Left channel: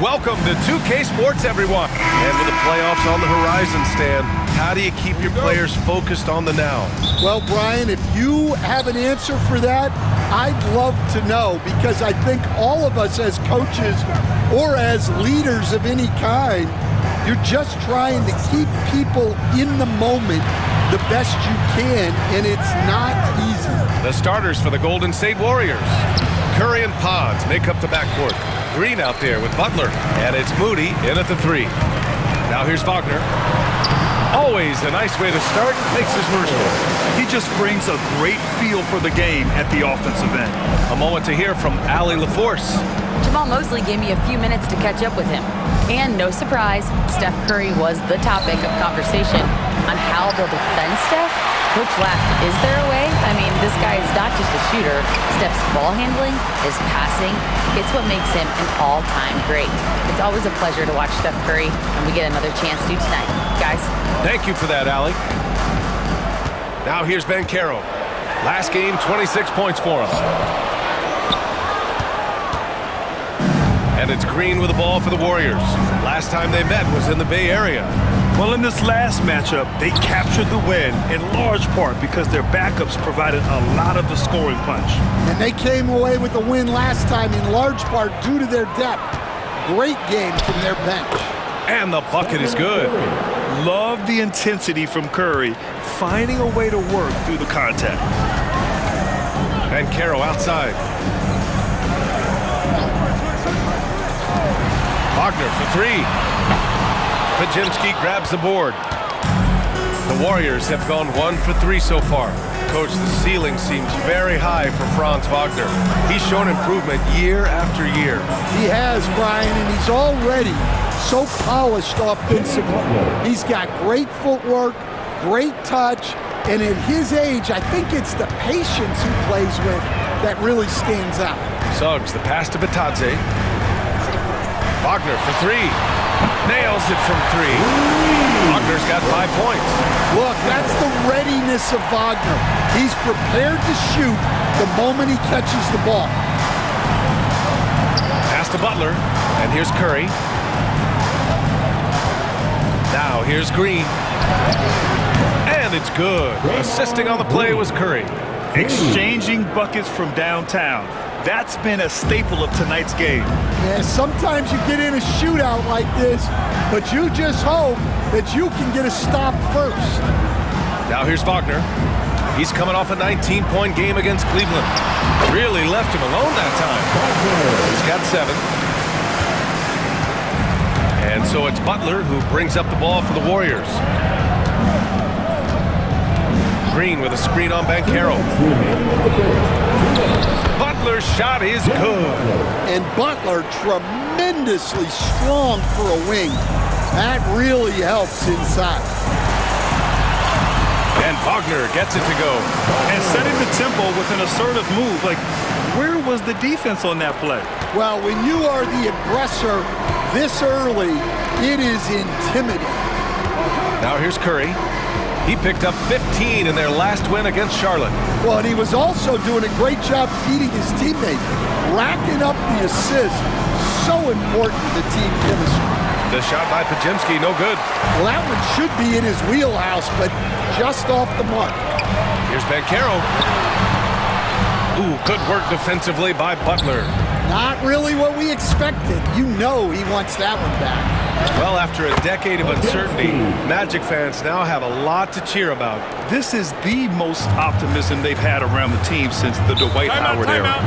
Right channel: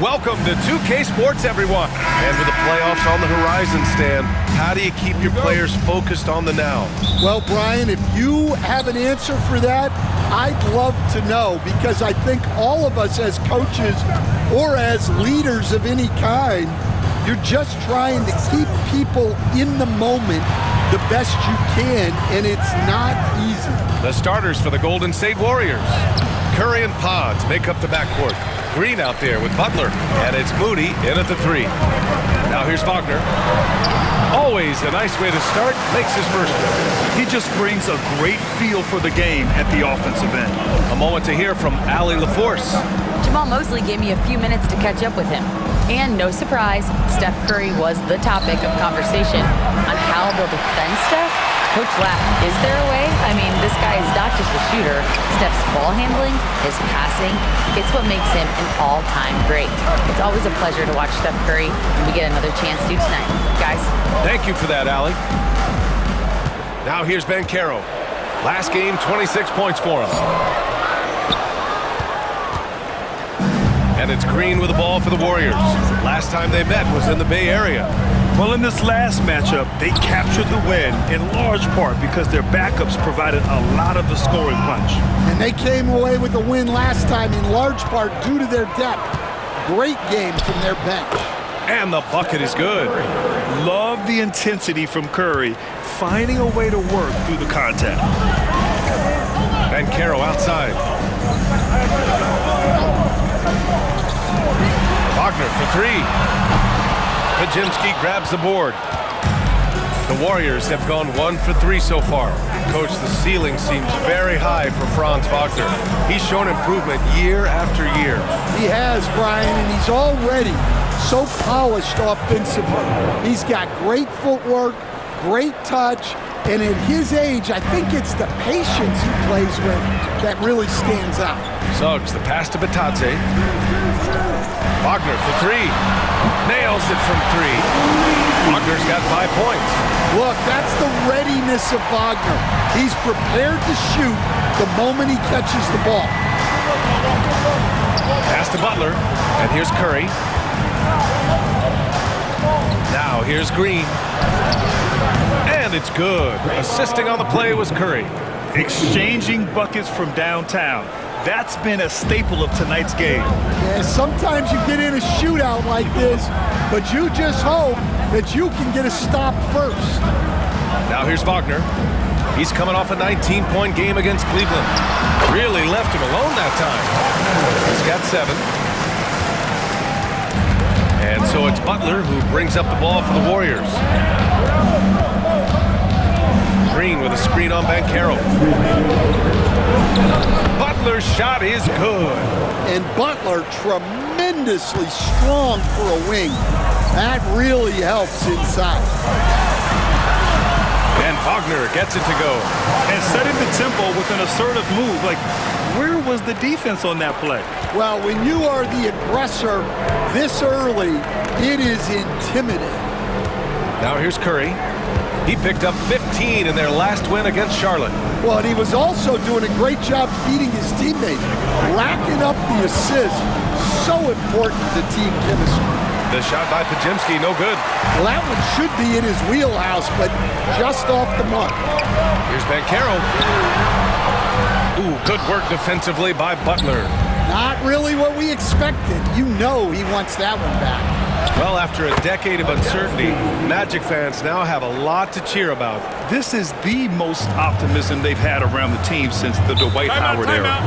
Welcome to 2K Sports, everyone. And with the playoffs on the horizon, Stan, how do you keep your players focused on the now? Well, Brian, if you have an answer for that, I'd love to know, because I think all of us as coaches or as leaders of any kind, you're just trying to keep people in the moment the best you can, and it's not easy. The starters for the Golden State Warriors. Curry and Pods make up the backcourt. Green out there with Butler, and it's Moody in at the 3. Now here's Wagner. Always a nice way to start, makes his first one. He just brings a great feel for the game at the offensive end. A moment to hear from Allie LaForce. Jamal Mosley gave me a few minutes to catch up with him. And no surprise, Steph Curry was the topic of conversation on how they'll defend Steph. Coach laughed, is there a way? I mean, this guy is not just a shooter. Steph's ball handling, his passing, it's what makes him an all-time great. It's always a pleasure to watch Steph Curry, and we get another chance to tonight. Guys. Thank you for that, Allie. Now here's Banchero. Last game, 26 points for him. And it's Green with the ball for the Warriors. Last time they met was in the Bay Area. Well, in this last matchup, they captured the win in large part because their backups provided a lot of the scoring punch. And they came away with the win last time in large part due to their depth. Great game from their bench. And the bucket is good. Love the intensity from Curry, finding a way to work through the contact. Banchero outside. Wagner for 3. Podziemski grabs the board. The Warriors have gone 1 for 3 so far. Coach, the ceiling seems very high for Franz Wagner. He's shown improvement year after year. He has, Brian, and he's already so polished offensively. He's got great footwork, great touch, and at his age, I think it's the patience he plays with that really stands out. Suggs, the pass to Batadze. Wagner for 3. Nails it from 3. Wagner's got 5 points. Look, that's the readiness of Wagner. He's prepared to shoot the moment he catches the ball. Pass to Butler, and here's Curry. Now here's Green. And it's good. Assisting on the play was Curry. Exchanging buckets from downtown. That's been a staple of tonight's game. Yeah, sometimes you get in a shootout like this, but you just hope that you can get a stop first. Now here's Wagner. He's coming off a 19-point game against Cleveland. Really left him alone that time. He's got 7. And so it's Butler who brings up the ball for the Warriors. Green with a screen on Banchero. Butler's shot is good. And Butler tremendously strong for a wing. That really helps inside. And Wagner gets it to go. And setting the tempo with an assertive move. Like, where was the defense on that play? Well, when you are the aggressor this early, it is intimidating. Now here's Curry. He picked up 15 in their last win against Charlotte. Well, and he was also doing a great job feeding his teammates, racking up the assists. So important to team chemistry. The shot by Podziemski, no good. Well, that one should be in his wheelhouse, but just off the mark. Here's Banchero. Ooh, good work defensively by Butler. Not really what we expected. You know he wants that one back. Well, after a decade of uncertainty, Magic fans now have a lot to cheer about. This is the most optimism they've had around the team since the Dwight Howard era.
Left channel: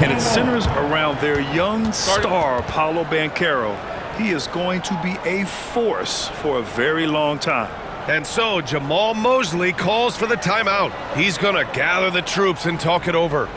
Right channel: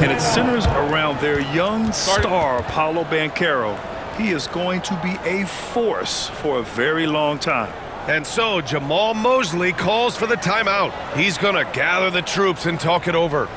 And it centers around their young star, Paolo Banchero. He is going to be a force for a very long time. And so Jamal Mosley calls for the timeout. He's going to gather the troops and talk it over.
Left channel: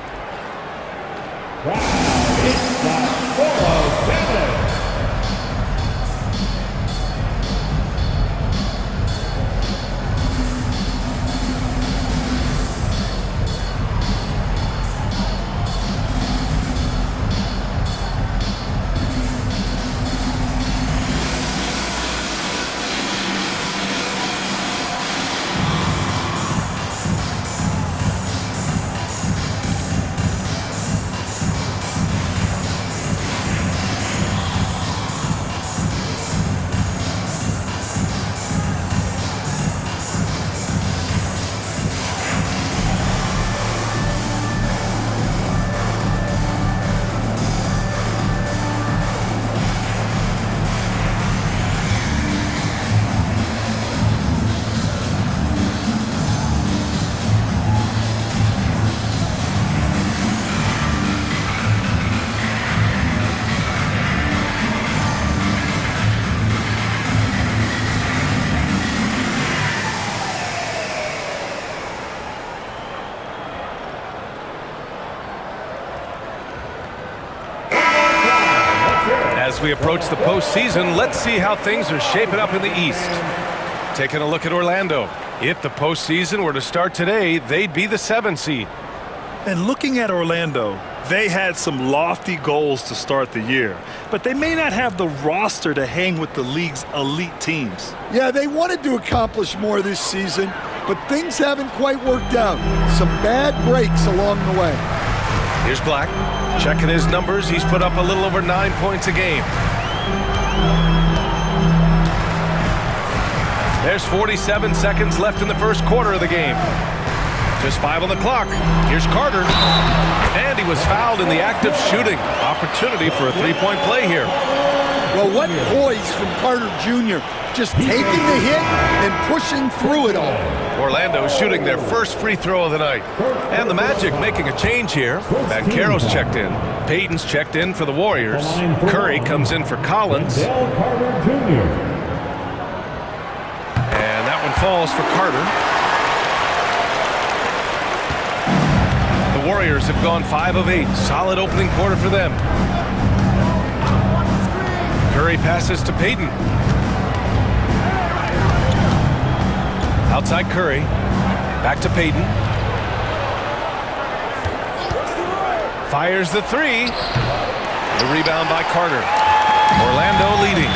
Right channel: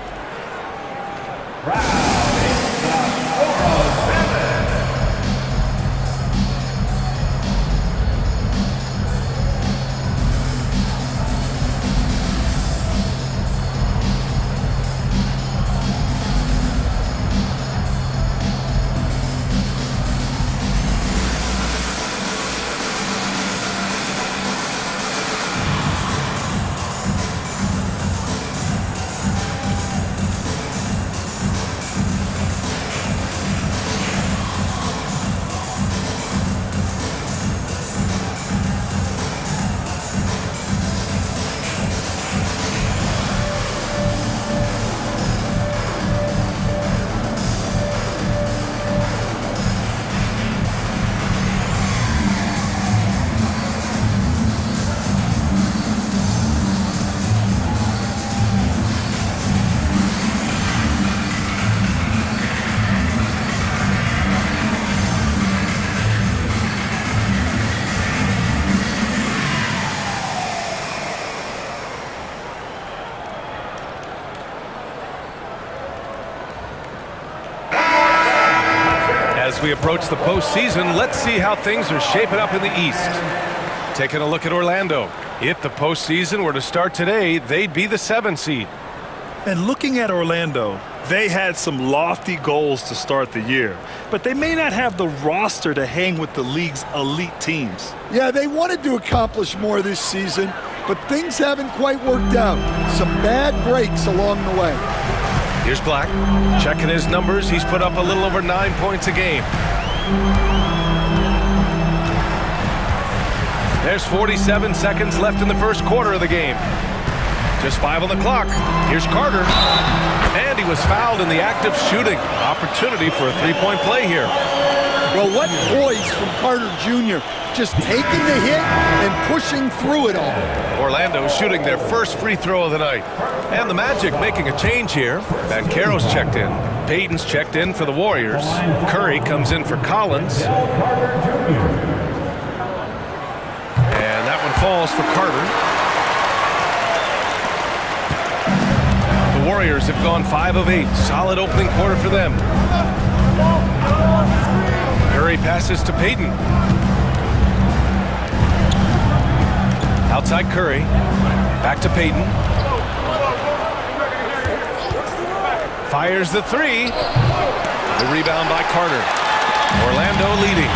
As we approach the postseason, let's see how things are shaping up in the East. Taking a look at Orlando. If the postseason were to start today, they'd be the 7 seed. And looking at Orlando, they had some lofty goals to start the year, but they may not have the roster to hang with the league's elite teams. Yeah, they wanted to accomplish more this season, but things haven't quite worked out. Some bad breaks along the way. Here's Black. Checking his numbers, he's put up a little over 9 points a game. There's 47 seconds left in the first quarter of the game. Just 5 on the clock. Here's Carter. And he was fouled in the act of shooting. Opportunity for a three-point play here. Well, what poise from Carter Jr. Just taking the hit and pushing through it all. Orlando shooting their first free throw of the night. And the Magic making a change here. Banchero's checked in. Payton's checked in for the Warriors. Curry comes in for Collins. And that one falls for Carter. The Warriors have gone 5 of 8. Solid opening quarter for them. Curry passes to Payton. Outside Curry. Back to Payton. Fires the three. The rebound by Carter. Orlando leading.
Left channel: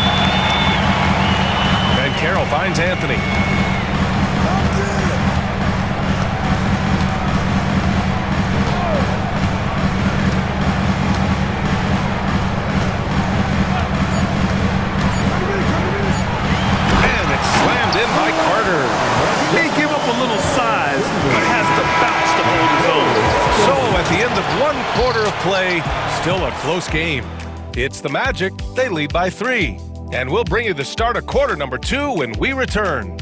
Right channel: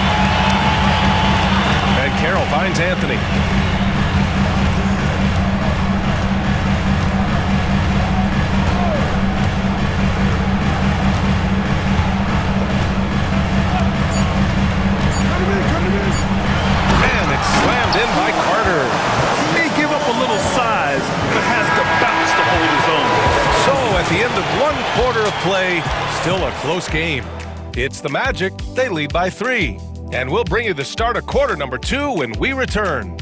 Banchero finds Anthony. And it's slammed in by Carter. He may give up a little size, but has the bounce to hold his own. So at the end of 1 quarter of play, still a close game. It's the Magic. They lead by 3. And we'll bring you the start of quarter number 2 when we return.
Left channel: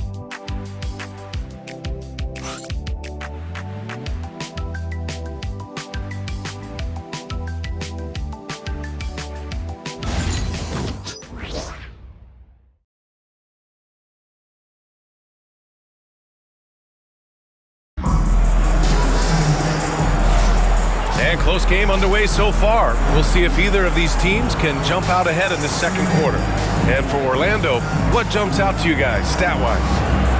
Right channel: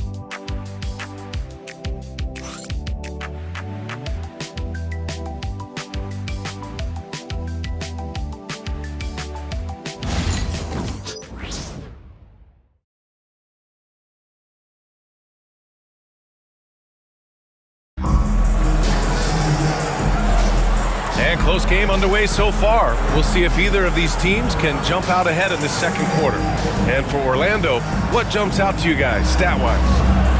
And close game underway so far. We'll see if either of these teams can jump out ahead in the second quarter. And for Orlando, what jumps out to you guys, stat-wise?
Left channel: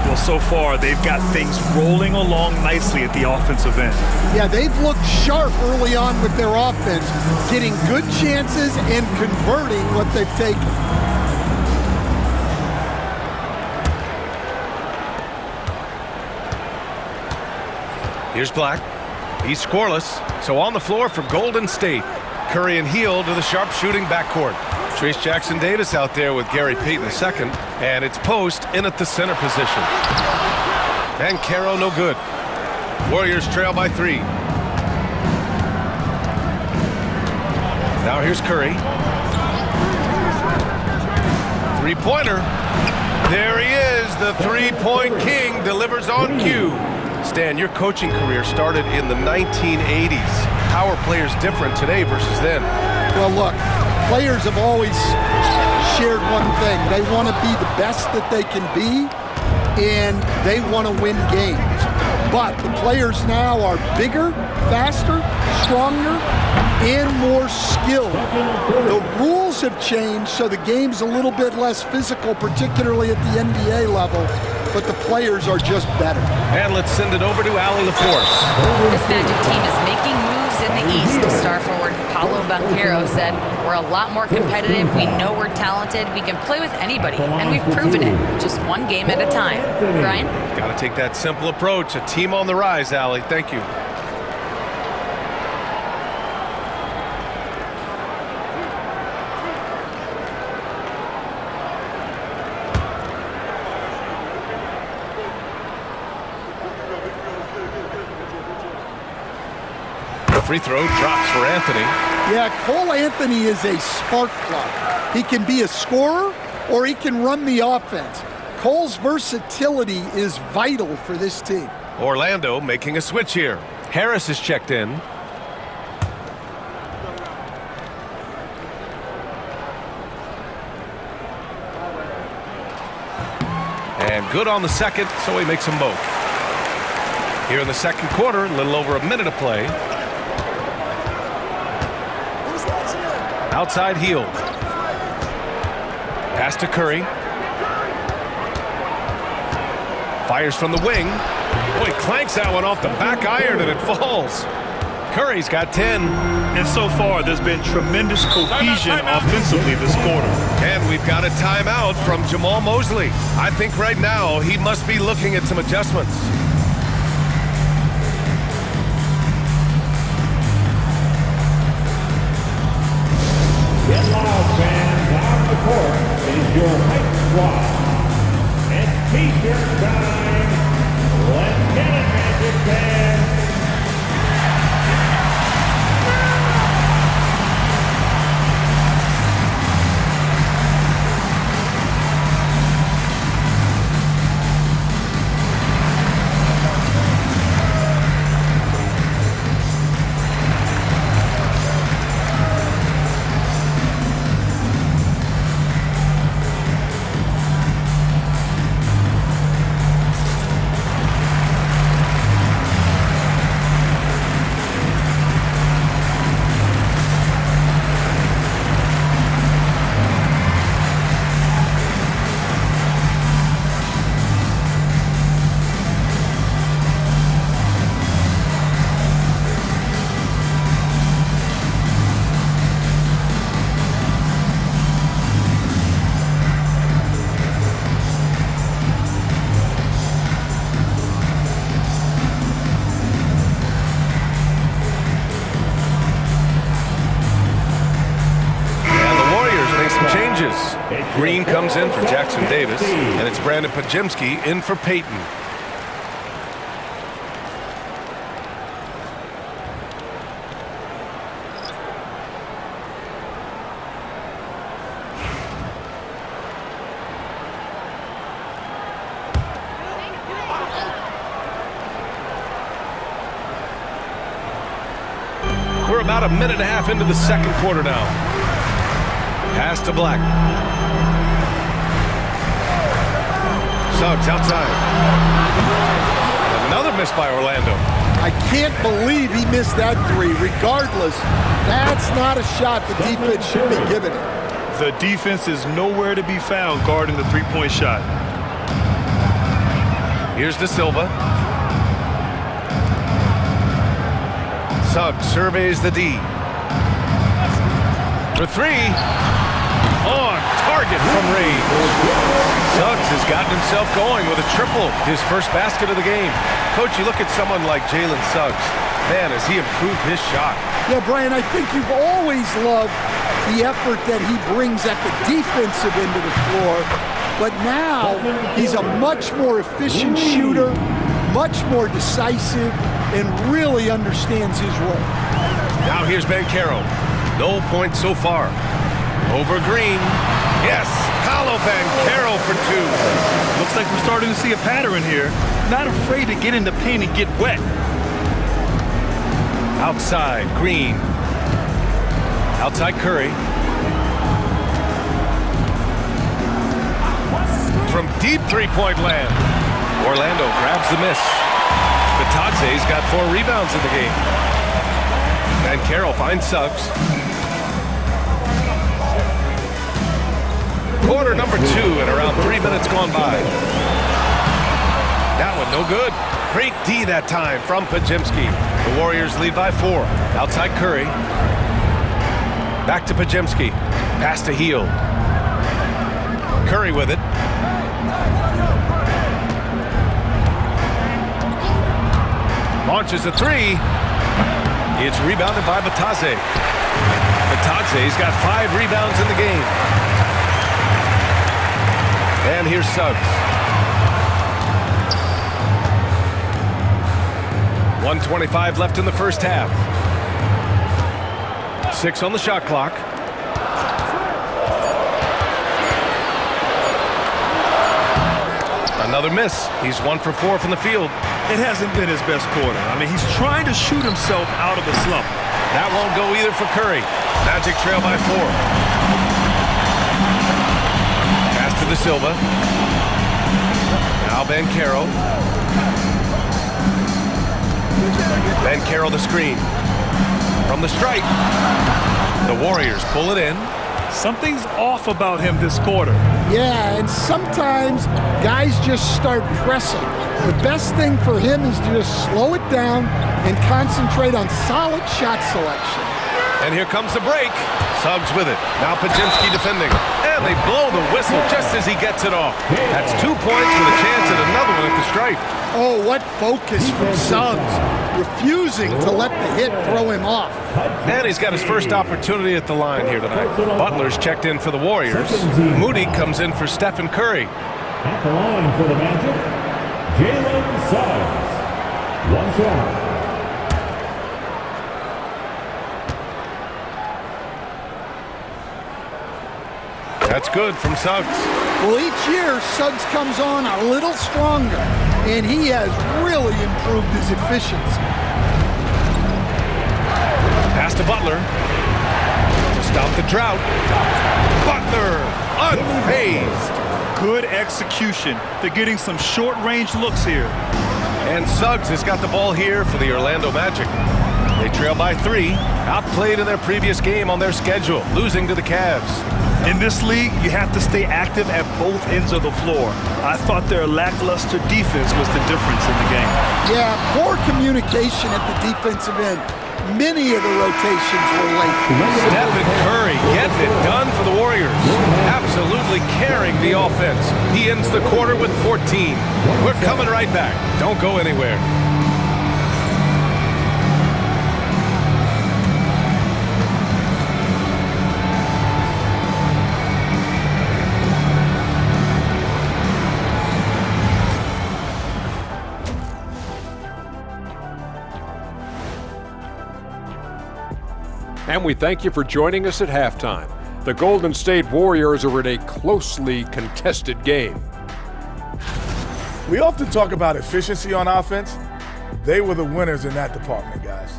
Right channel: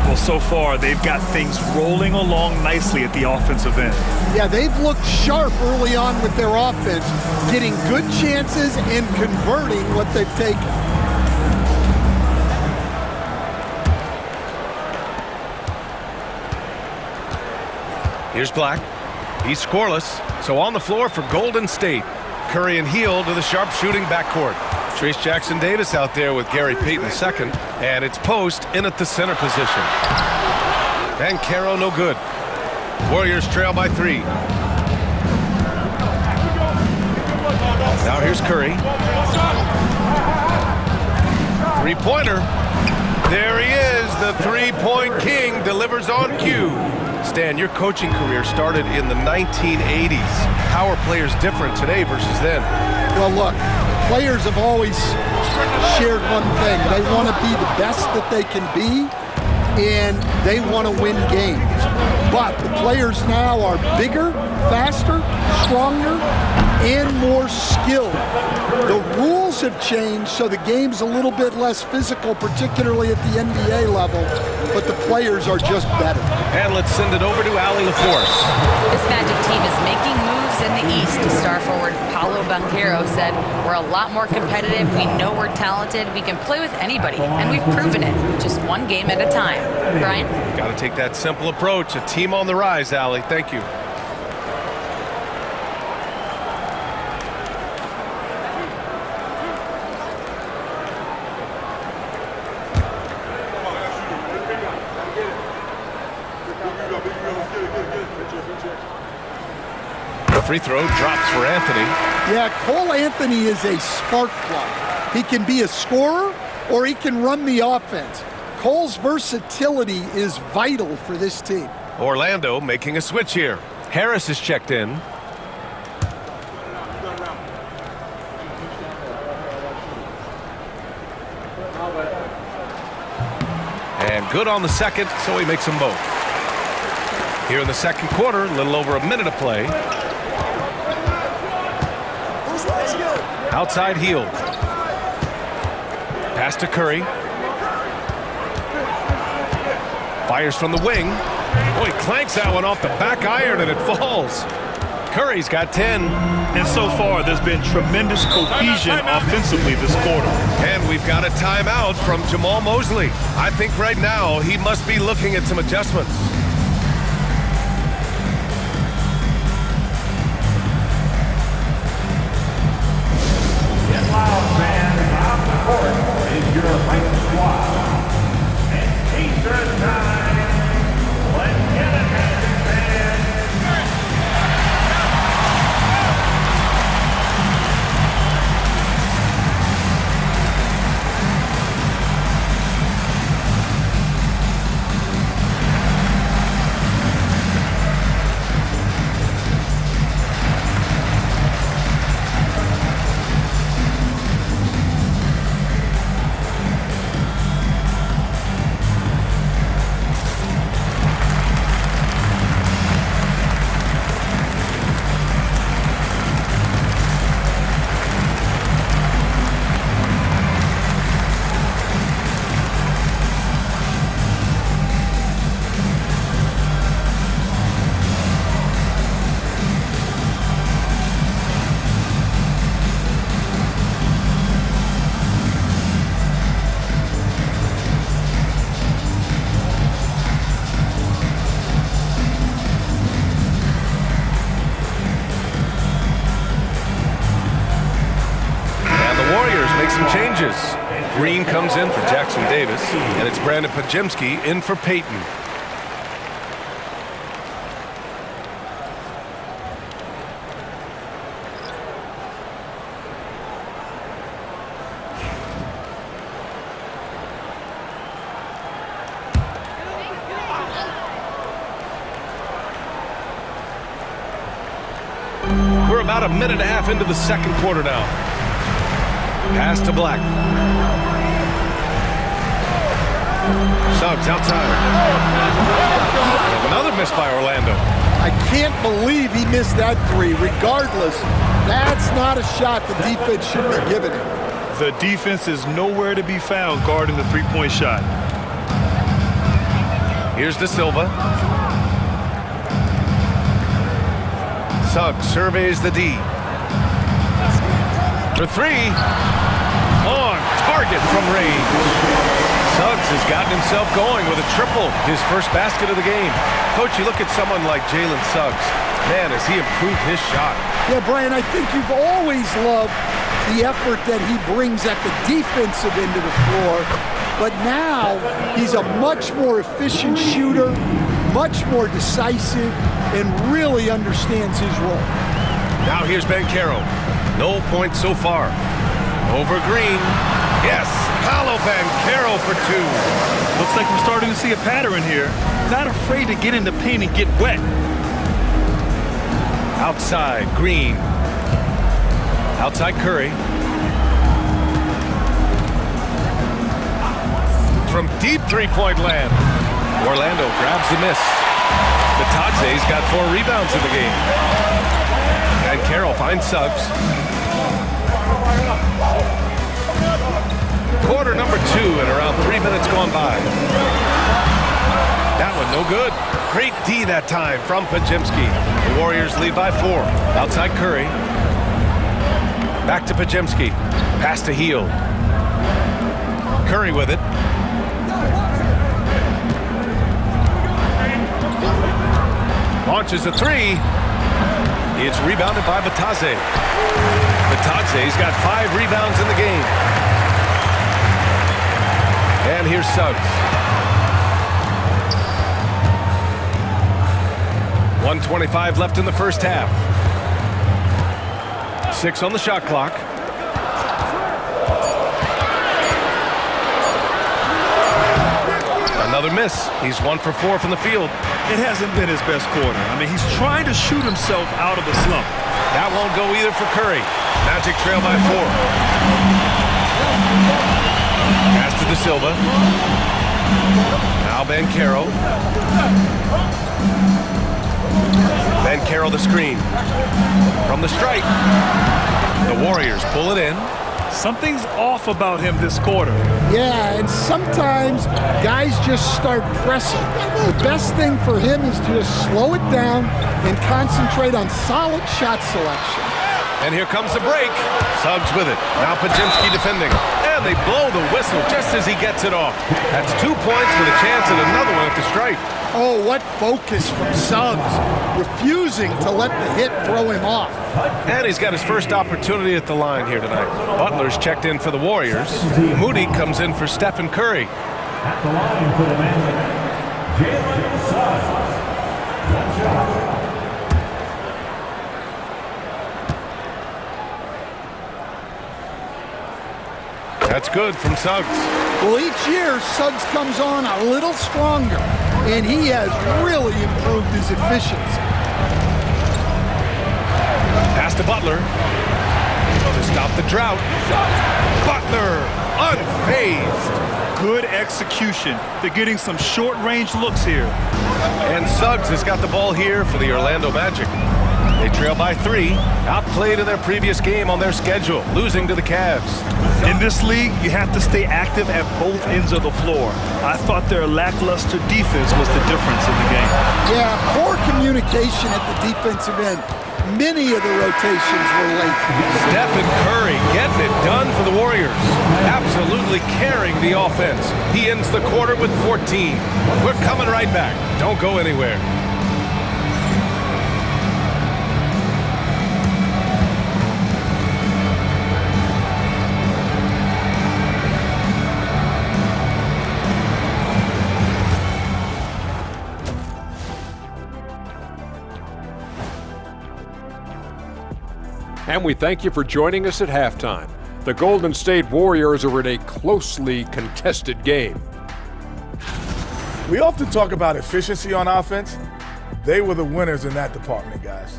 Well, so far, they've got things rolling along nicely at the offensive end. Yeah, they've looked sharp early on with their offense, getting good chances and converting what they've taken. Here's Black. He's scoreless, so on the floor for Golden State. Curry and Hield to the sharp-shooting backcourt. Trace Jackson-Davis out there with Gary Payton II, and it's Post in at the center position. Banchero no good. Warriors trail by 3. Now here's Curry. Three-pointer. There he is, the three-point king delivers on cue. Stan, your coaching career started in the 1980s. How are players different today versus then? Well, look, players have always shared one thing. They want to be the best that they can be, and they want to win games. But the players now are bigger, faster, stronger, and more skilled. The rules have changed, so the game's a little bit less physical, particularly at the NBA level, but the players are just better. And let's send it over to Allie LaForce. This Magic team is making moves in the East. Star forward Paolo Banchero said, "We're a lot more competitive. We know we're talented. We can play with anybody, and we've proven it. Just one game at a time." Brian? Got to take that simple approach. A team on the rise, Allie. Thank you. Free throw drops for Anthony. Yeah, Cole Anthony is a spark plug. He can be a scorer or he can run the offense. Cole's versatility is vital for this team. Orlando making a switch here. Harris is checked in. And good on the second, so he makes them both. Here in the second quarter, a little over a minute of play. Outside Hield. Pass to Curry. Fires from the wing. Oh, he clanks that one off the back iron and it falls. Curry's got 10. And so far, there's been tremendous cohesion offensively this quarter. And we've got a timeout from Jamal Mosley. I think right now he must be looking at some adjustments. Get loud, fans. On the court is your Hype Squad. It's T-shirt time. Let's get it, Magic fans. Make some changes. Green comes in for Jackson Davis, and it's Brandon Podziemski in for Payton. We're about a minute and a half into the second quarter now. Pass to Black. Suggs outside. And another miss by Orlando. I can't believe he missed that three. Regardless, that's not a shot the defense should be giving it. The defense is nowhere to be found guarding the three-point shot. Here's De Silva. Suggs surveys the D. For three. On target from range. Suggs has gotten himself going with a triple, his first basket of the game. Coach, you look at someone like Jalen Suggs. Man, has he improved his shot. Yeah, Brian, I think you've always loved the effort that he brings at the defensive end of the floor. But now he's a much more efficient shooter, much more decisive, and really understands his role. Now here's Banchero. No points so far. Over Green. Yes, Paolo Banchero for two. Looks like we're starting to see a pattern here. Not afraid to get in the paint and get wet. Outside, Green. Outside, Curry. From deep three-point land. Orlando grabs the miss. Batadze's got 4 rebounds in the game. Banchero finds Suggs. Quarter number 2 and around 3 minutes gone by. That one no good. Great D that time from Podziemski. The Warriors lead by 4. Outside Curry. Back to Podziemski. Pass to Hield. Curry with it. Launches a 3. It's rebounded by Batadze. Batadze's got 5 rebounds in the game. And here's Suggs. 1:25 left in the first half. 6 on the shot clock. Another miss. He's 1 for 4 from the field. It hasn't been his best quarter. I mean, he's trying to shoot himself out of the slump. That won't go either for Curry. Magic trail by 4. Pass to De Silva. Now Banchero. Banchero the screen. From the stripe. The Warriors pull it in. Something's off about him this quarter. Yeah, and sometimes guys just start pressing. The best thing for him is to just slow it down and concentrate on solid shot selection. And here comes the break. Suggs with it. Now Podziemski defending. And they blow the whistle just as he gets it off. That's 2 points with a chance at another one at the stripe. Oh, what focus from Suggs, refusing to let the hit throw him off. And he's got his first opportunity at the line here tonight. Butler's checked in for the Warriors. Moody comes in for Stephen Curry. At the line for the Magic, Jalen Suggs. One shot. That's good from Suggs. Well, each year, Suggs comes on a little stronger, and he has really improved his efficiency. Pass to Butler to stop the drought. Butler, unfazed. Good execution. They're getting some short-range looks here. And Suggs has got the ball here for the Orlando Magic. They trail by 3, outplayed in their previous game on their schedule, losing to the Cavs. In this league, you have to stay active at both ends of the floor. I thought their lackluster defense was the difference in the game. Yeah, poor communication at the defensive end. Many of the rotations were late. Stephen Curry getting it done for the Warriors. Absolutely carrying the offense. He ends the quarter with 14. We're coming right back. Don't go anywhere. And we thank you for joining us at halftime. The Golden State Warriors are in a closely contested game. We often talk about efficiency on offense. They were the winners in that department, guys.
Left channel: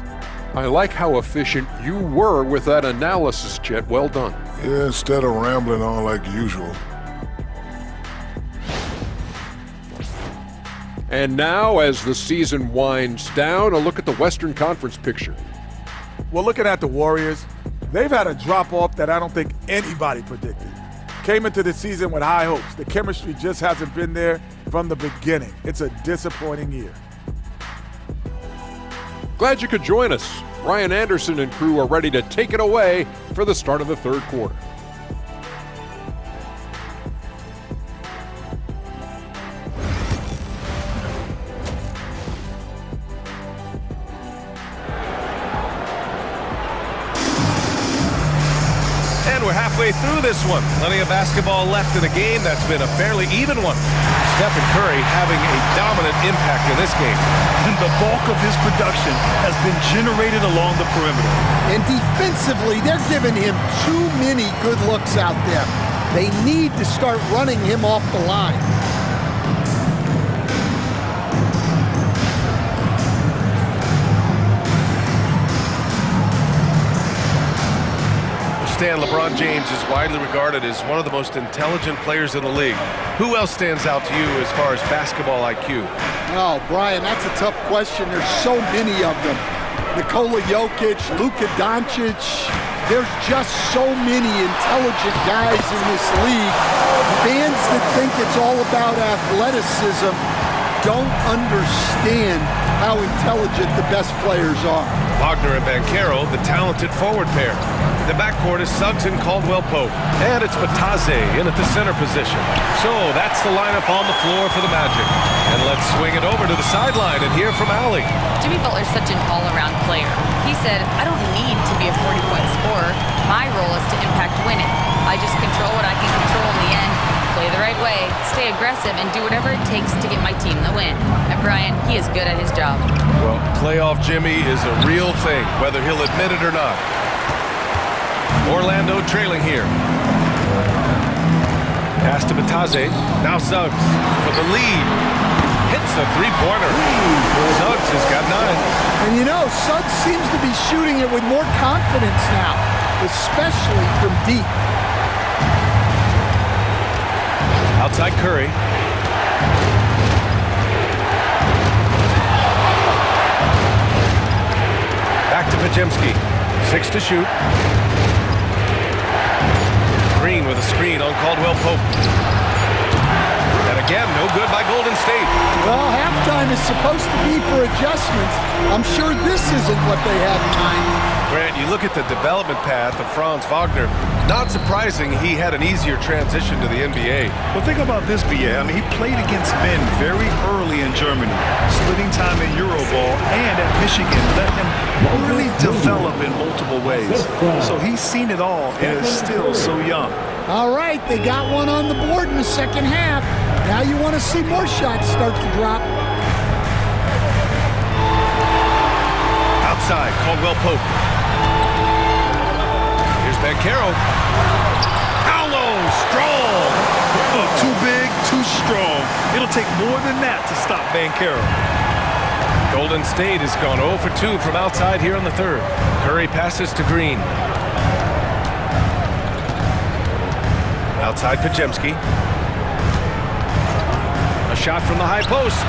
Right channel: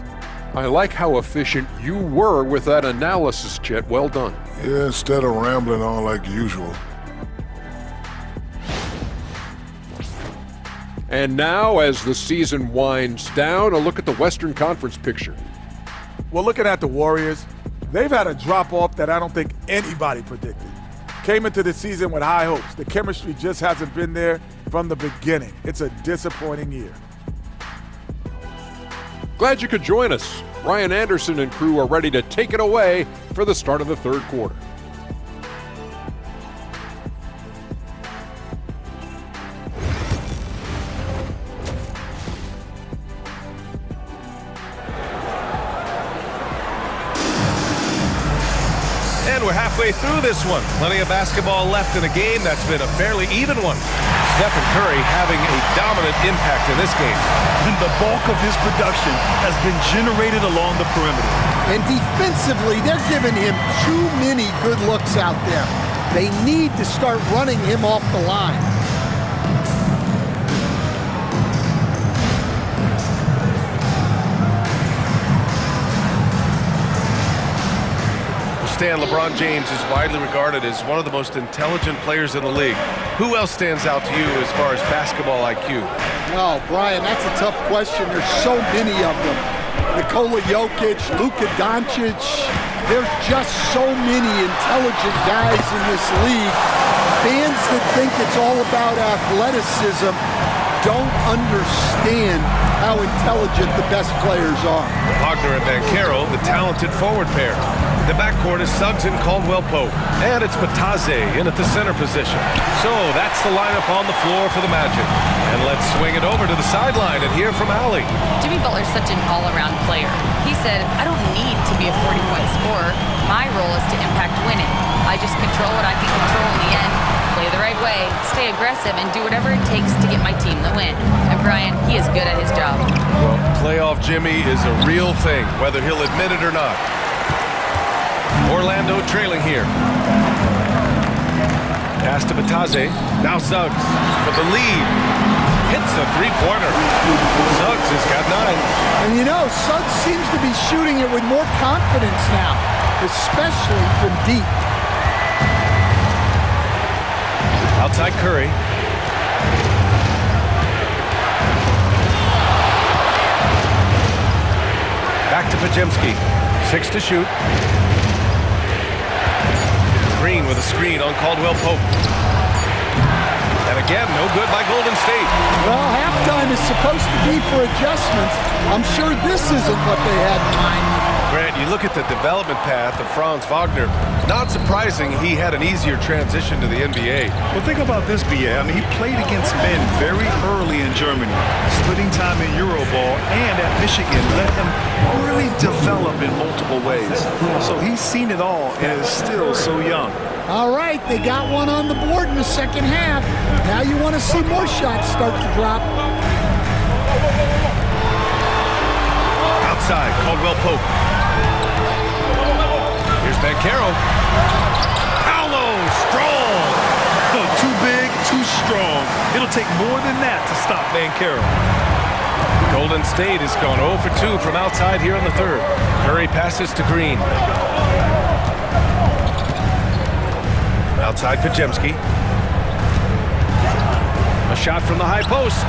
I like how efficient you were with that analysis, Chet. Well done. Yeah, instead of rambling on like usual. And now, as the season winds down, a look at the Western Conference picture. Well, looking at the Warriors, they've had a drop-off that I don't think anybody predicted. Came into the season with high hopes. The chemistry just hasn't been there from the beginning. It's a disappointing year. Glad you could join us. Ryan Anderson and crew are ready to take it away for the start of the third quarter. And we're halfway through this one. Plenty of basketball left in a game that's been a fairly even one. Stephen Curry having a dominant impact in this game. And the bulk of his production has been generated along the perimeter. And defensively, they're giving him too many good looks out there. They need to start running him off the line. Stan, LeBron James is widely regarded as one of the most intelligent players in the league. Who else stands out to you as far as basketball IQ? Oh, Brian, that's a tough question. There's so many of them. Nikola Jokic, Luka Doncic. There's just so many intelligent guys in this league. Fans that think it's all about athleticism don't understand how intelligent the best players are. Wagner and Banchero, the talented forward pair. The backcourt is Suggs and Caldwell-Pope. And it's Batadze in at the center position. So that's the lineup on the floor for the Magic. And let's swing it over to the sideline and hear from Allie. Jimmy Butler's such an all-around player. He said, I don't need to be a 40-point scorer. My role is to impact winning. I just control what I can control in the end, play the right way, stay aggressive, and do whatever it takes to get my team the win. And Brian, he is good at his job. Well, playoff Jimmy is a real thing, whether he'll admit it or not. Orlando trailing here. Pass to Batadze. Now Suggs for the lead. Hits the three-pointer. Suggs has got 9. And you know, Suggs seems to be shooting it with more confidence now, especially from deep. Outside Curry. Back to Podziemski. 6 to shoot. Green with a screen on Caldwell Pope. And again, no good by Golden State. Well, halftime is supposed to be for adjustments. I'm sure this isn't what they had in mind. Grant, you look at the development path of Franz Wagner. Not surprising he had an easier transition to the NBA. Well, think about this, B.A. I mean, he played against men very early in Germany, splitting time in Euroball, and at Michigan let him really develop in multiple ways. So he's seen it all and is still so young. All right, they got one on the board in the second half. Now you want to see more shots start to drop. Outside, Caldwell Pope. Here's Banchero. Paolo, strong. Oh, too big, too strong. It'll take more than that to stop Banchero. Golden State has gone 0 for 2 from outside here in the third. Curry passes to Green. Outside Podziemski. A shot from the high post.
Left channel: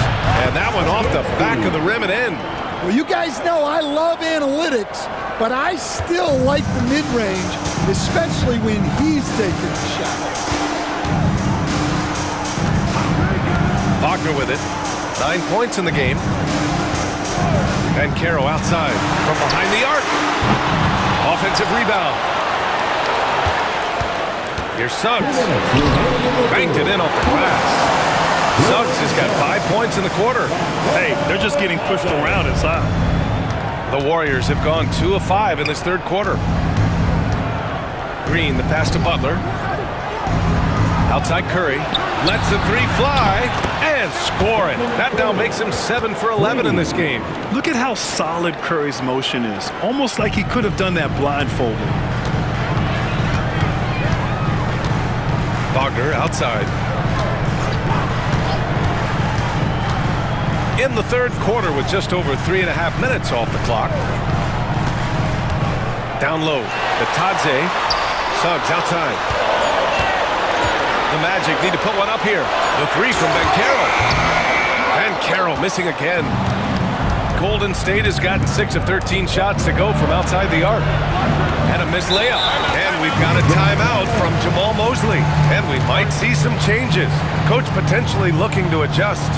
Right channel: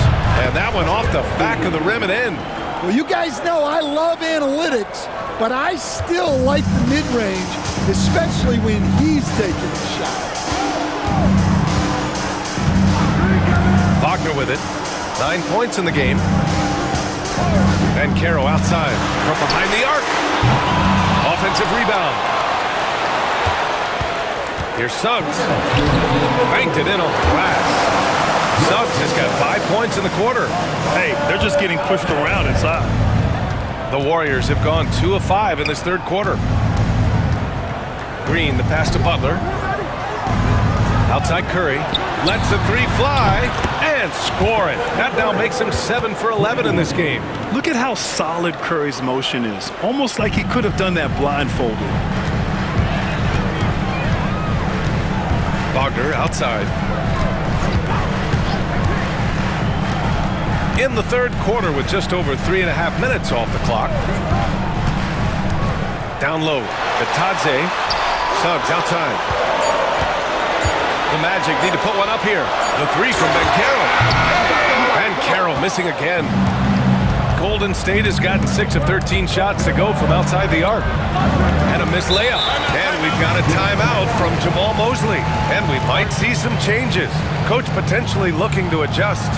And that one off the back of the rim and in. Well, you guys know I love analytics, but I still like the mid-range, especially when he's taking the shot. Wagner with it. 9 points in the game. Banchero outside from behind the arc. Offensive rebound. Here's Suggs. Banked it in off the glass. Suggs has got 5 points in the quarter. Hey, they're just getting pushed around inside. The Warriors have gone 2 of 5 in this third quarter. Green, the pass to Butler. Outside Curry. Lets the three fly and score it. That now makes him 7 for 11 in this game. Look at how solid Curry's motion is. Almost like he could have done that blindfolded. Wagner outside. In the third quarter with just over 3.5 minutes off the clock. Down low, Bitadze. Suggs outside. The Magic need to put one up here. The three from Banchero. Banchero missing again. Golden State has gotten 6 of 13 shots to go from outside the arc. And a missed layup. And we've got a timeout from Jamal Mosley. And we might see some changes. Coach potentially looking to adjust.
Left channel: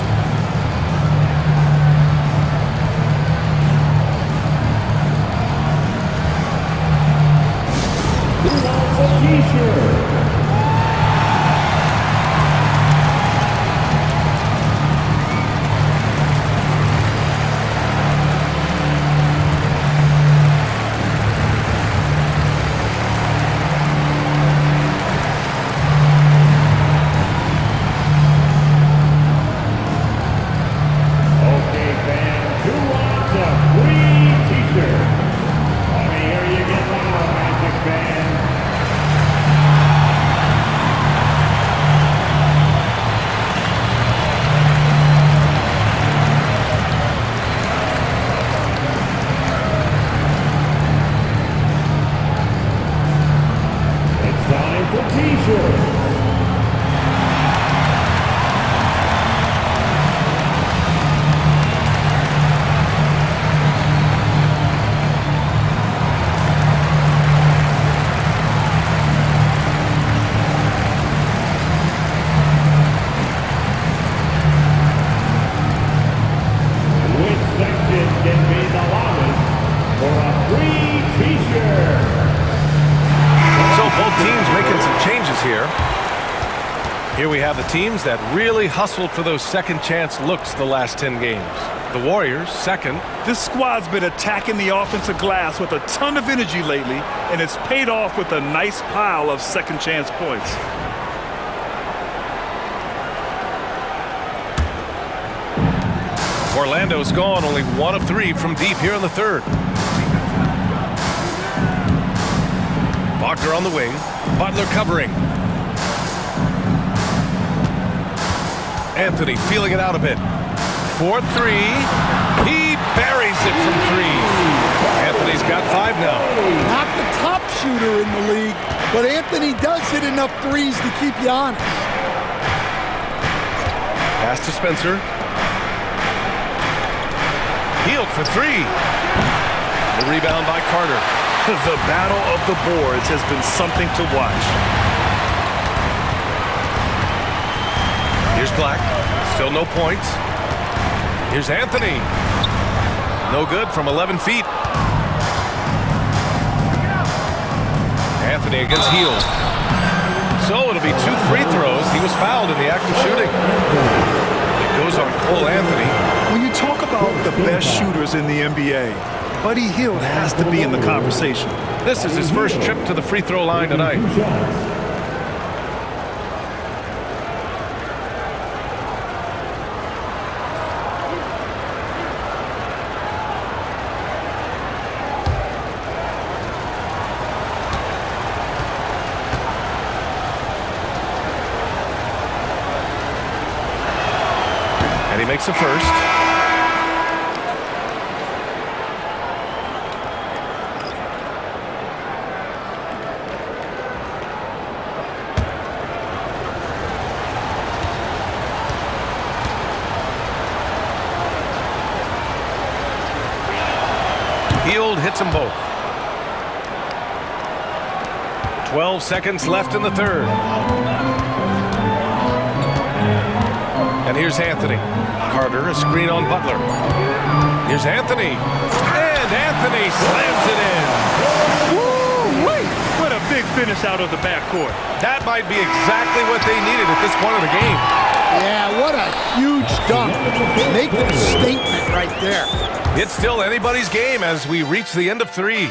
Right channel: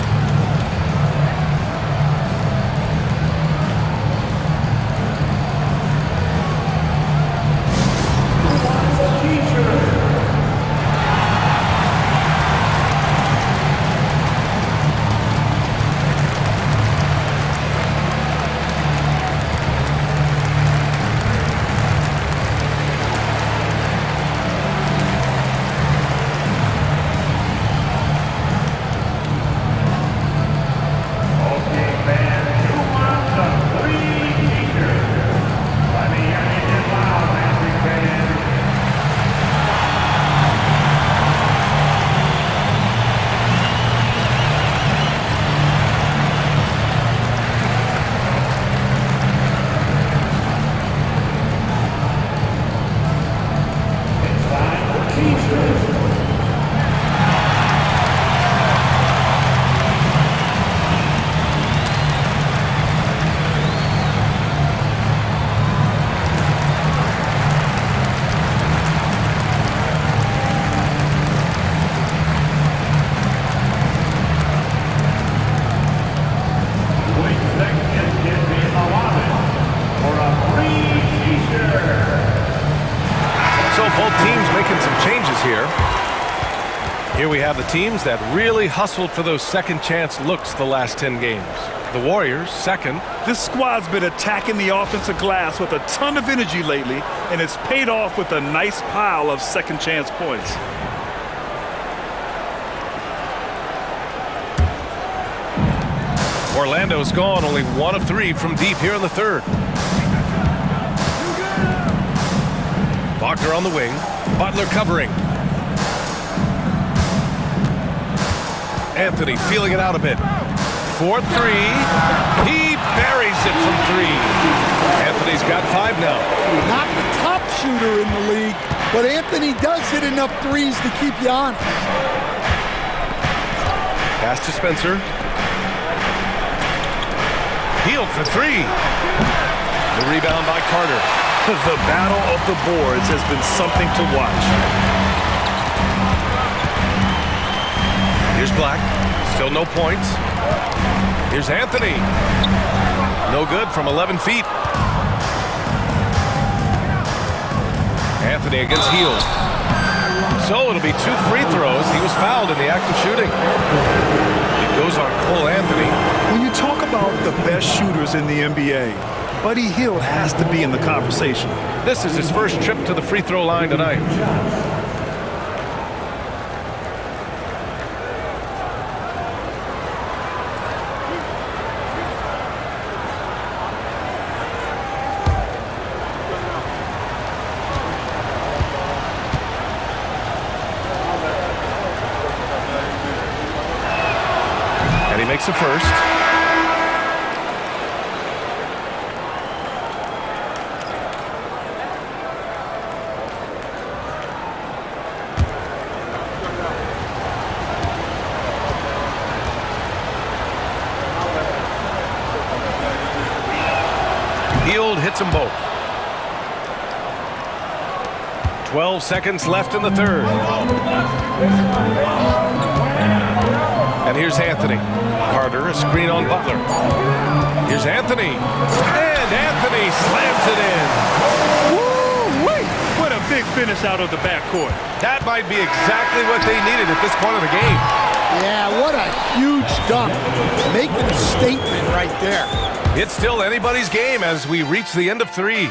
Both teams making some changes here. Here we have the teams that really hustled for those second chance looks the last 10 games. The Warriors, second. This squad's been attacking the offensive glass with a ton of energy lately, and it's paid off with a nice pile of second chance points. Orlando's gone only 1 of 3 from deep here in the third. Wagner on the wing. Butler covering. Anthony feeling it out a bit. 4-3. He buries it from 3. Anthony's got 5 now. Not the top shooter in the league, but Anthony does hit enough threes to keep you honest. Pass to Spencer. Healed for 3. The rebound by Carter. The battle of the boards has been something to watch. black. Still no points. Here's Anthony. No good from 11 feet. Anthony against Hield. So it'll be 2 free throws. He was fouled in the act of shooting. It goes on Cole Anthony. When you talk about the best shooters in the NBA, Buddy Hield has to be in the conversation. This is his first trip to the free throw line tonight. And he makes the first. Hield hits them both. 12 seconds left in the third. And here's Anthony. Carter, a screen on Butler. Here's Anthony. And Anthony slams it in. Woo-wee! What a big finish out of the backcourt. That might be exactly what they needed at this point of the game. Yeah, what a huge dunk. Making a statement right there. It's still anybody's game as we reach the end of 3.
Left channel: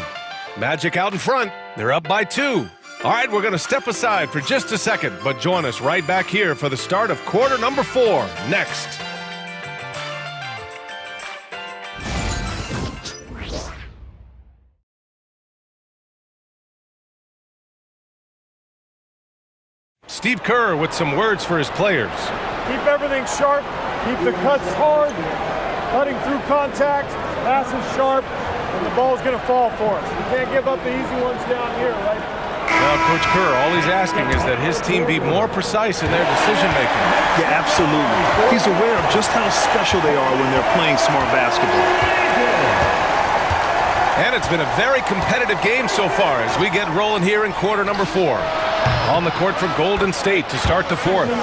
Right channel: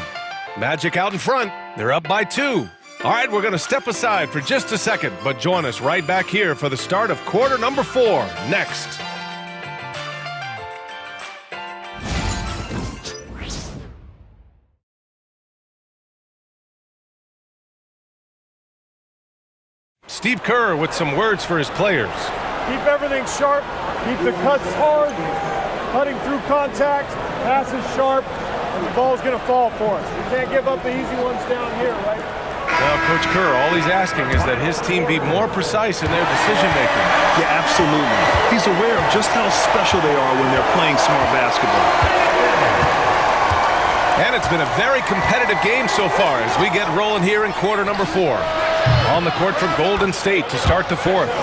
Magic out in front. They're up by 2. All right, we're going to step aside for just a second, but join us right back here for the start of quarter number 4 next. Steve Kerr with some words for his players. Keep everything sharp, keep the cuts hard, cutting through contact, passes sharp, and the ball's going to fall for us. We can't give up the easy ones down here, right? Now, Coach Kerr, all he's asking is that his team be more precise in their decision-making. Yeah, absolutely. He's aware of just how special they are when they're playing smart basketball. And it's been a very competitive game so far as we get rolling here in quarter number 4. On the court for Golden State to start the 4th.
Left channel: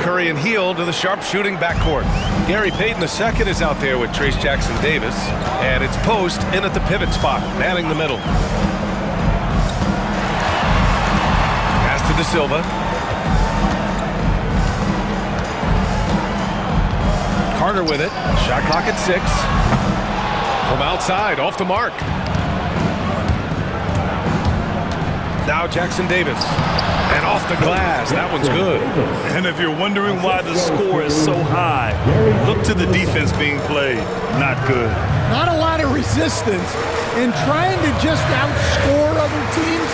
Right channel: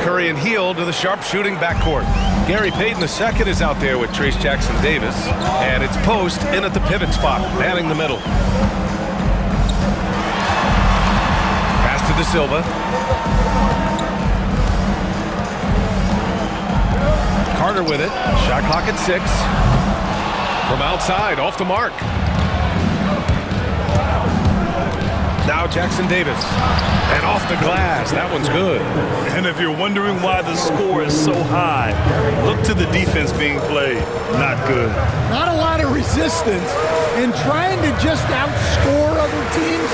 Curry and Hield to the sharp-shooting backcourt. Gary Payton II is out there with Trace Jackson Davis. And it's Post in at the pivot spot, manning the middle. Pass to De Silva. Carter with it. Shot clock at 6. From outside, off the mark. Now Jackson Davis. And off the glass. That one's good. And if you're wondering why the score is so high, look to the defense being played. Not good. Not a lot of resistance. And trying to just outscore other teams,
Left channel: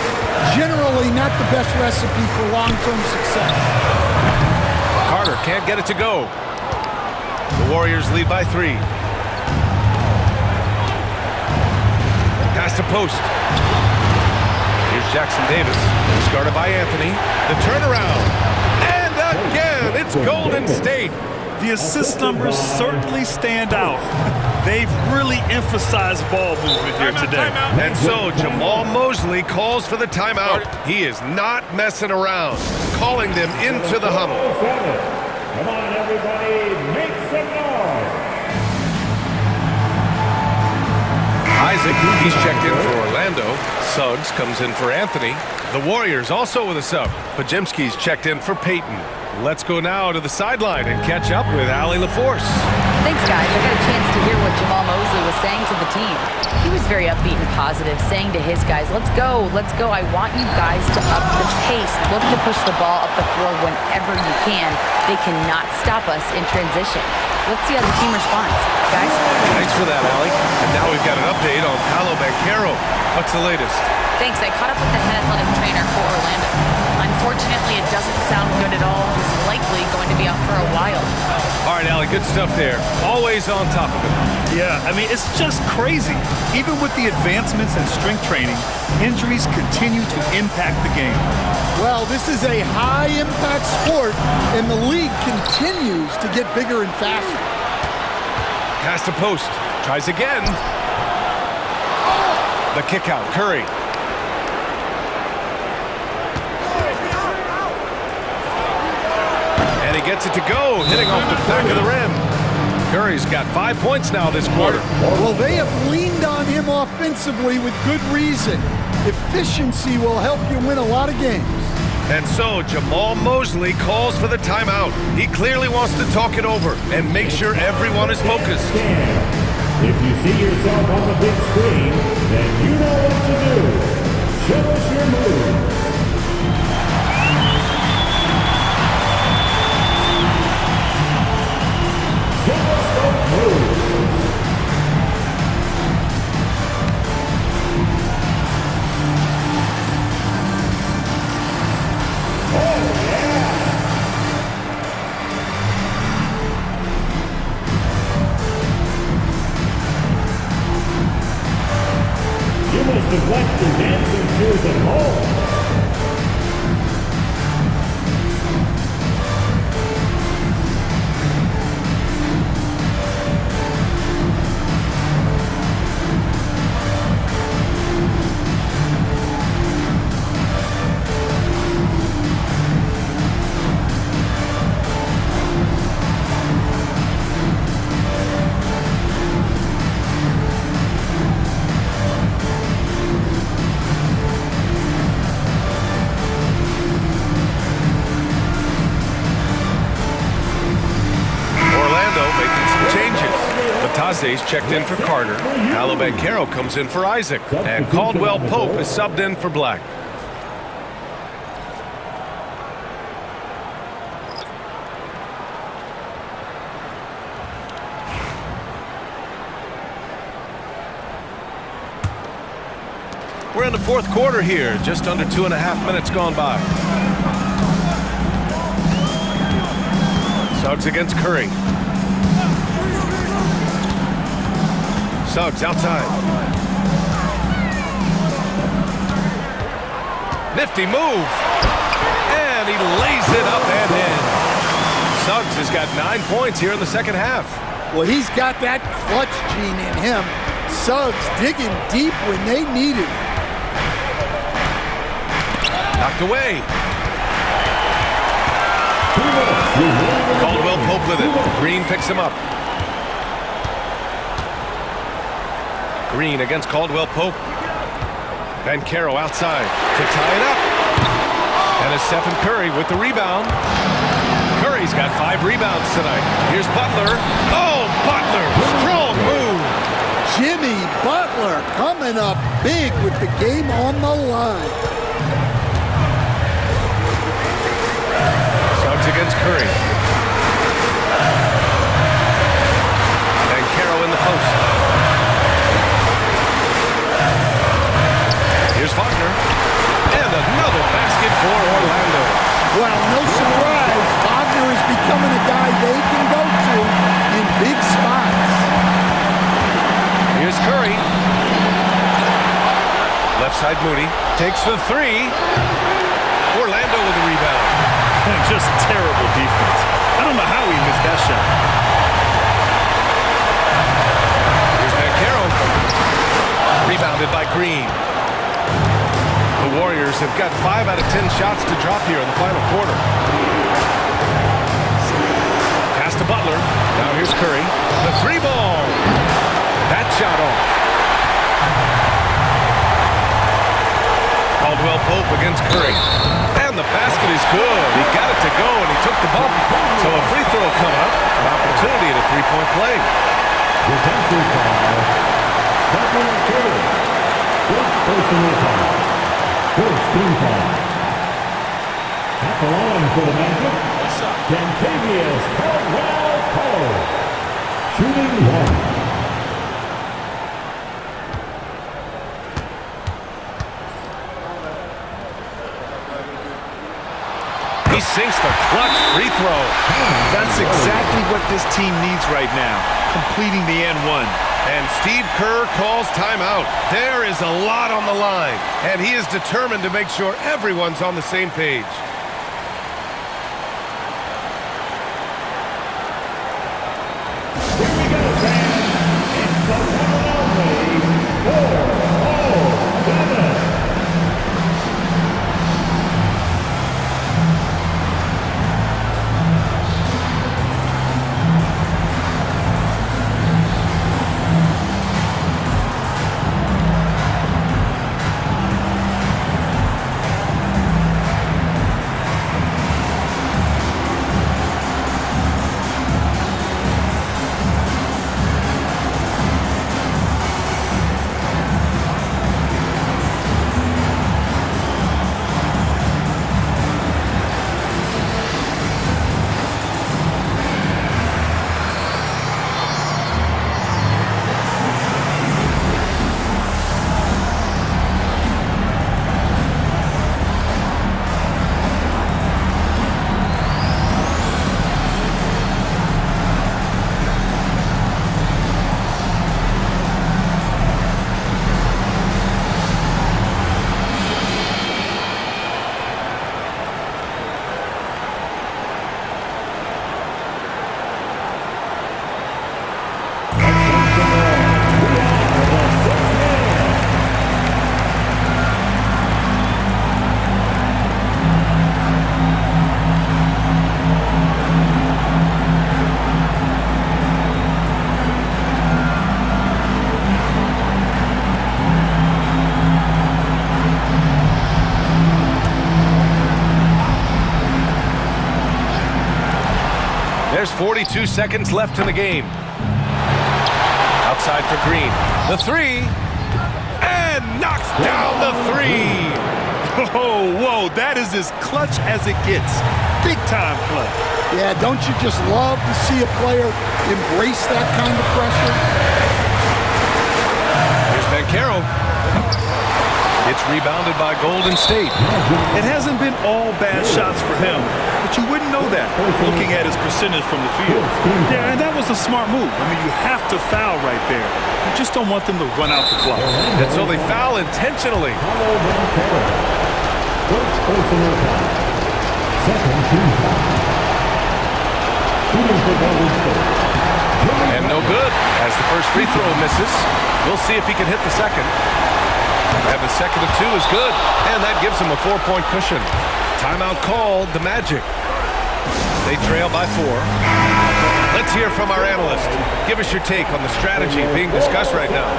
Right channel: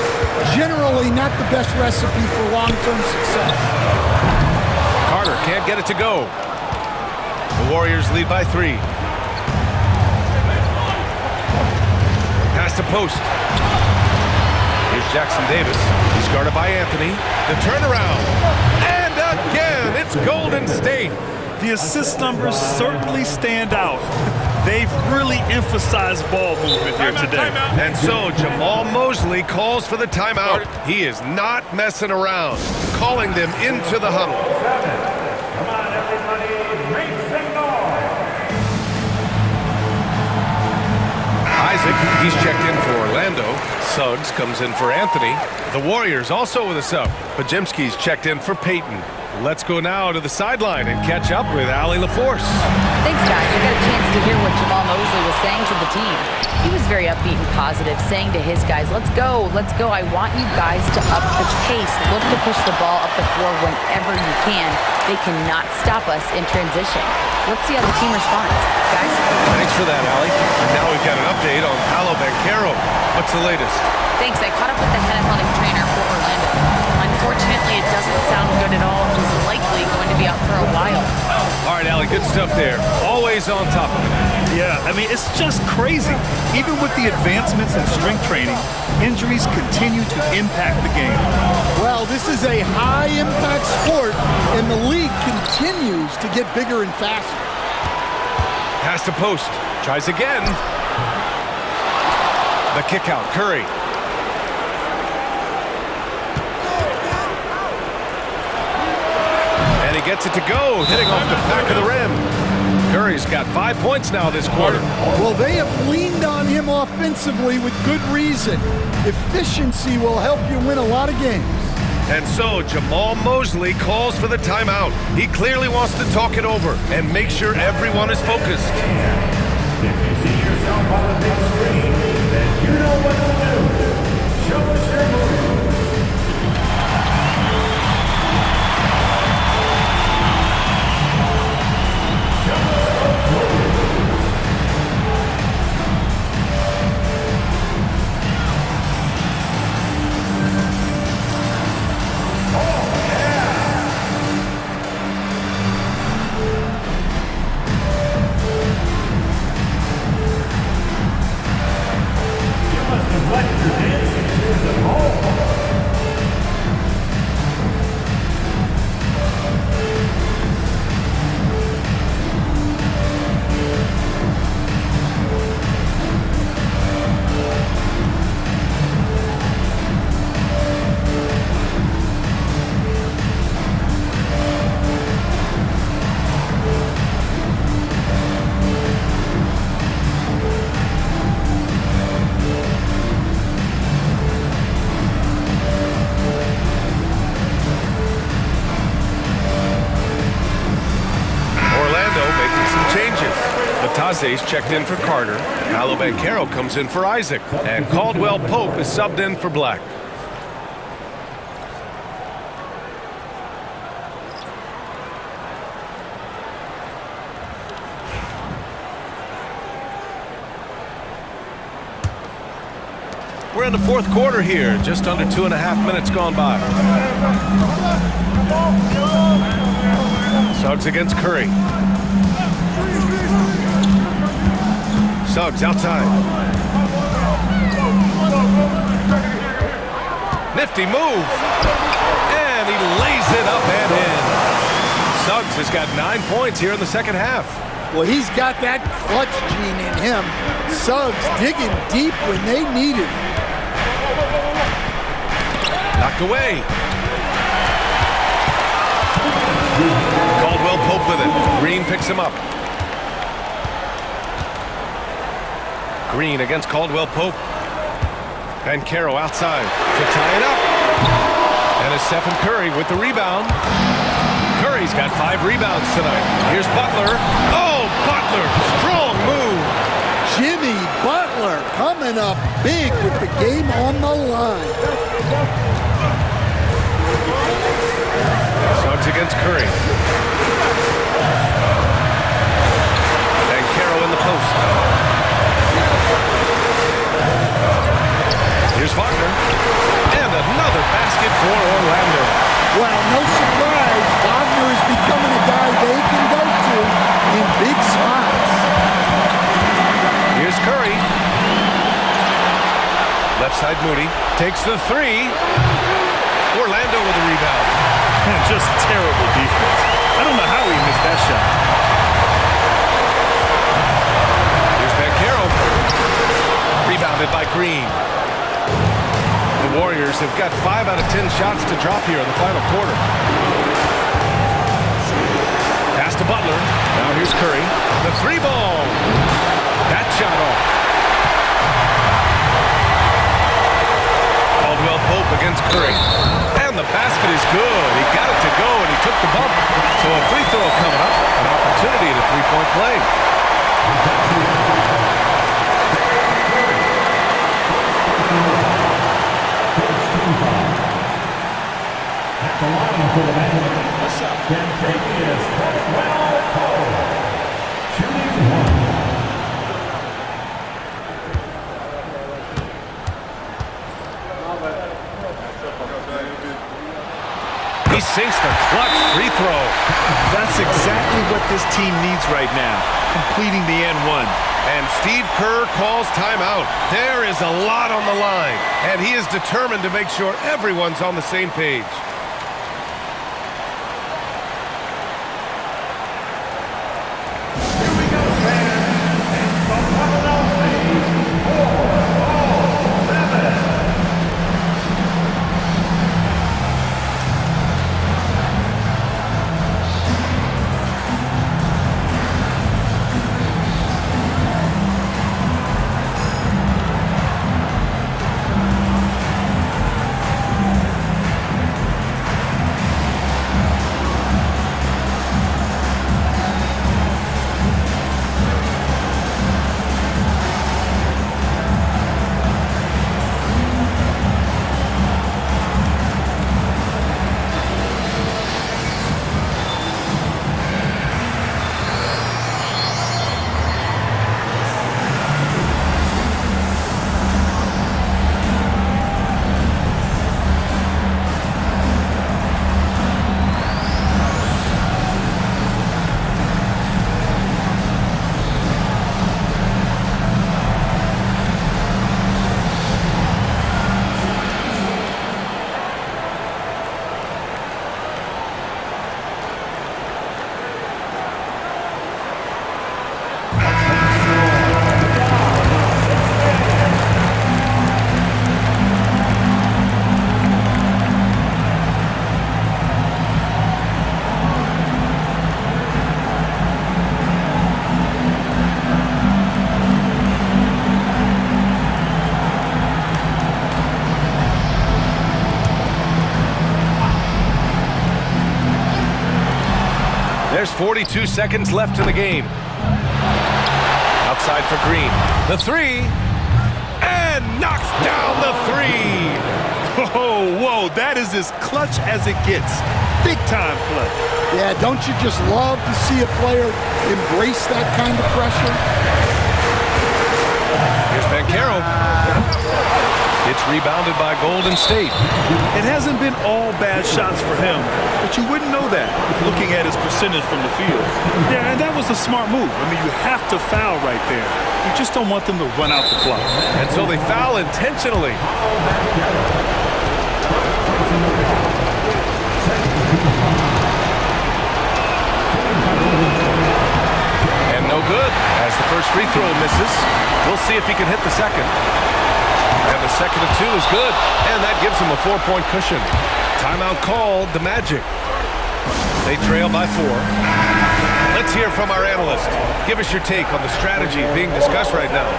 generally not the best recipe for long-term success. Carter can't get it to go. The Warriors lead by 3. Pass to Post. Here's Jackson Davis. He's guarded by Anthony. The turnaround. And again, it's Golden State. The assist numbers certainly stand out. They've really emphasized ball movement here today. And so Jamal Mosley calls for the timeout. He is not messing around, calling them into the huddle. Come on, everybody, make some noise. Isaac, he's checked in for Orlando. Suggs comes in for Anthony. The Warriors also with a sub. Podziemski's checked in for Payton. Let's go now to the sideline and catch up with Allie LaForce. Thanks, guys. I got a chance to hear what Jamal Mosley was saying to the team. He was very upbeat and positive, saying to his guys, let's go. I want you guys to up the pace. Look to push the ball up the floor whenever you can. They cannot stop us in transition. Let's see how the team responds. Guys? Thanks for that, Allie. And now we've got an update on Paolo Banchero. What's the latest? Thanks. I caught up with the head athletic trainer for Orlando. Unfortunately, it doesn't sound good at all. He's likely going to be out for a while. All right, Allie, good stuff there. Always on top of it. Yeah, I mean, it's just crazy. Even with the advancements in strength training, injuries continue to impact the game. Well, this is a high-impact sport, and the league continues to get bigger and faster. Pass to Post. Tries again. The kick out. Curry. And he he gets it to go, hitting off the back of the rim. Curry's got 5 points now this quarter. Well, they have leaned on him offensively with good reason. Efficiency will help you win a lot of games. And so Jamal Mosley calls for the timeout. He clearly wants to talk it over and make sure everyone is focused. If you see yourself on the big screen, then you know what to do. Show us your moves. Show us those moves. Neglect your dancing shoes at home. Making some changes. Bataze's checked in for Carter. Paolo Banchero comes in for Isaac. And Caldwell Pope is subbed in for Black. We're in the fourth quarter here. Just under 2.5 minutes gone by. Suggs against Curry. Suggs outside. Nifty move. And he lays it up and in. Suggs has got 9 points here in the second half. Well, he's got that clutch gene in him. Suggs digging deep when they need it. Knocked away. Caldwell Pope with it. Green picks him up. Green against Caldwell Pope. Banchero outside to tie it up. And it's Stephen Curry with the rebound. Curry's got 5 rebounds tonight. Here's Butler. Oh, Butler! Strong move. Jimmy Butler coming up big with the game on the line. Suggs against Curry. Banchero in the post. Here's Wagner, and another basket for Orlando. Well, no surprise, Wagner is becoming a guy they can go to in big spots. Here's Curry. Left side Moody takes the 3. Orlando with the rebound. And just terrible defense. I don't know how he missed that shot. Here's Banchero. Rebounded by Green. The Warriors have got 5 out of 10 shots to drop here in the final quarter. Pass to Butler. Now here's Curry. The 3 ball. That shot off. Caldwell Pope against Curry. And the basket is good. He got it to go, and he took the bump. So a free throw coming up. An opportunity at a 3-point play. At the line for the man, Kentavious Caldwell Pope, shooting 1. He sinks the clutch free throw. That's exactly what this team needs right now, completing the N1. And Steve Kerr calls timeout. There is a lot on the line, and he is determined to make sure everyone's on the same page. Here we go, fans. It's the one and only 407. There's 42 seconds left in the game. Outside for Green. The three. And knocks down the three. Oh, whoa, that is as clutch as it gets. Big time play. Yeah, don't you just love to see a player embrace that kind of pressure? Here's Banchero. It's rebounded by Golden State. It hasn't been all bad shots for him, but you wouldn't know that looking at his percentage from the field. Yeah, and that was a smart move. I mean, you have to foul right there. You just don't want them to run out the clock. And so they foul intentionally. And no good as the first free throw misses. We'll see if he can hit the second. And the second of two is good. And that gives him a 4-point cushion. Timeout called, the Magic. They trail by 4. Let's hear from our analyst. Give us your take on the strategy being discussed right now.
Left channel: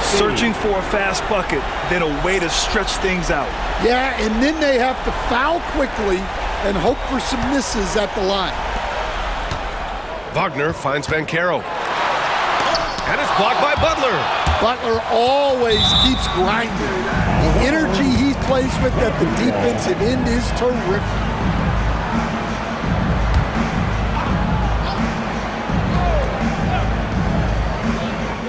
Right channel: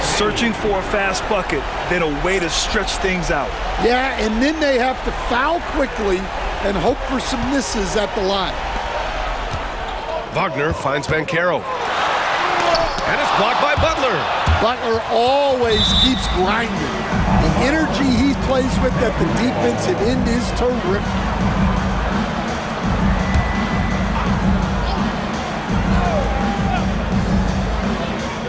Searching for a fast bucket, then a way to stretch things out. Yeah, and then they have to foul quickly and hope for some misses at the line. Wagner finds Banchero. And it's blocked by Butler. Butler always keeps grinding. The energy he plays with at the defensive end is terrific.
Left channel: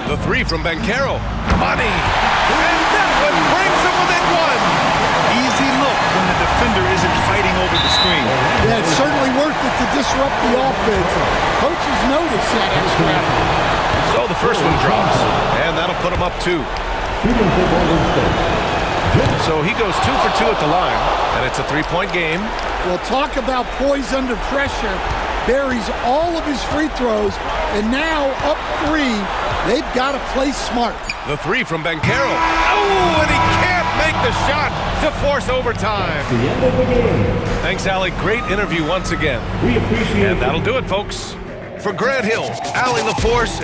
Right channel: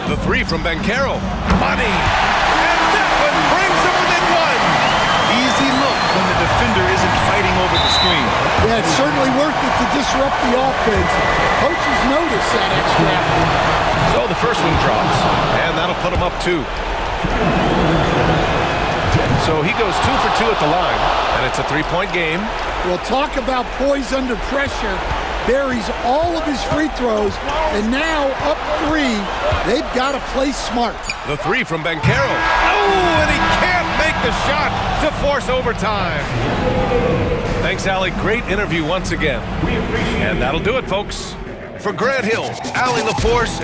The three from Banchero. Money! And that one brings them within 1. Easy look when the defender isn't fighting over the screen. Yeah, it's certainly worth it to disrupt the offense. Coaches notice that extra effort. So the first one drops, and that'll put him up 2. So he goes 2 for 2 at the line, and it's a 3-point game. Well, talk about poise under pressure. Buries all of his free throws, and now up 3. They've got to play smart. The three from Banchero. Oh, and he can't make the shot to force overtime. Thanks, Allie. Great interview once again. And that'll do it, folks. For Grant Hill, Allie LaForce.